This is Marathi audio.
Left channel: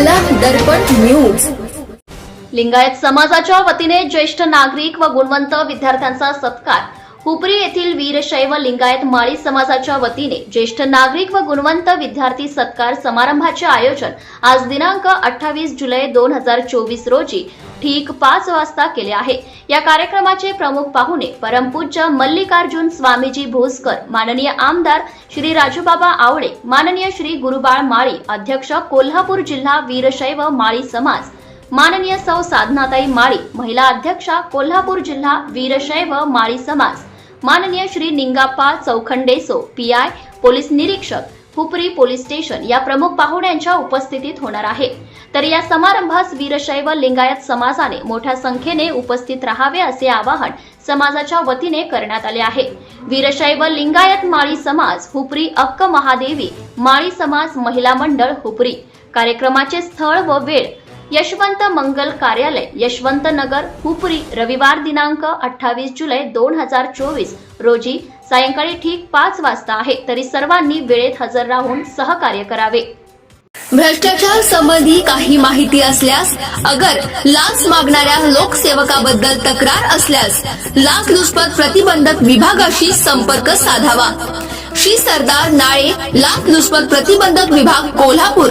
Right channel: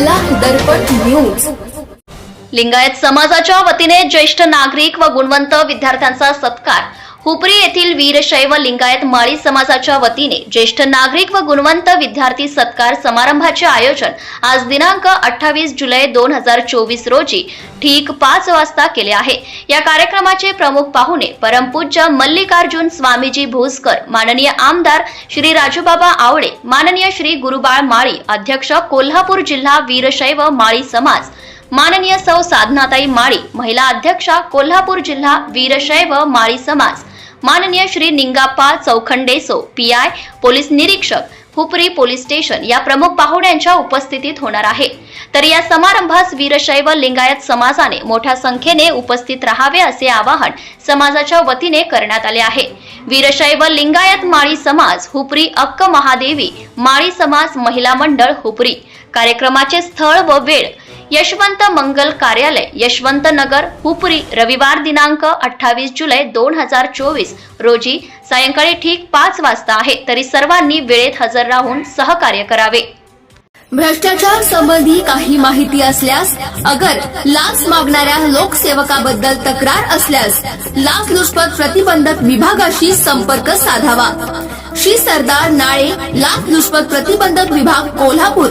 दर्पण न्यूज. लिंगायत समाजाच्या वतीने ज्येष्ठ नागरिक व गुणवंत विद्यार्थ्यांचा सत्कार. हुपरी येथील वीरशैव लिंगायत माळी समाजाच्या वतीने ज्येष्ठ नागरिक व गुणवंत विद्यार्थी सत्कार समारंभाचे आयोजन आज दिनांक अठ्ठावीस जुलै दोन हजार चोवीस रोजी ठीक पाच वाजता केले आहे. या कार्यक्रमाचे प्रमुख पाहुणे परमपूज्य मल्लिकार्जुन स्वामीजी भोसकर माननीय आमदार श्री राजूबाबा आवळे माननीय श्री गुरुबाळ माळी अध्यक्ष कोल्हापूर जिल्हा वीरशैव माळी समाज माननीय सौ साधनाताई माळी महिला अध्यक्षा कोल्हापूर जिल्हा वीरशैव माळी समाज माननीय श्री निंगाप्पा चौखंडेसो पी आय पोलीस निरीक्षक हुपरी पोलीस स्टेशन या प्रमुख पाहुण्यांच्या उपस्थितीत होणार आहे. तर या समारंभास वीरशैव लिंगायत समाजाने मोठ्या संख्येने उपस्थित राहावे असे आवाहन समाजाच्या वतीने करण्यात आले आहे. वीरशैव लिंगायत माळी समाज हुपरी अक्क महादेवी माळी समाज महिला मंडळ हुपरी. कार्यक्रमाचे स्थळ व वेळ यशवंत मंगल कार्यालय यशवंत नगर हुपरी रविवार दिनांक अठ्ठावीस जुलै दोन हजार चोवीस रोजी सायंकाळी ठीक पाच वाजता आहे तरी सर्वांनी वेळेत हजर राहून सहकार्य करावे. भ्रष्टाचार संबंधी काही माहिती असल्यास अगर लाच मागणाऱ्या लोकसेवकाबद्दल तक्रार असल्यास लाच लुचपत प्रतिबंधक विभागाशी संपर्क साधावा. श्री सरदार नाळे लाच लुचपत प्रतिबंधक विभाग कोल्हापूर.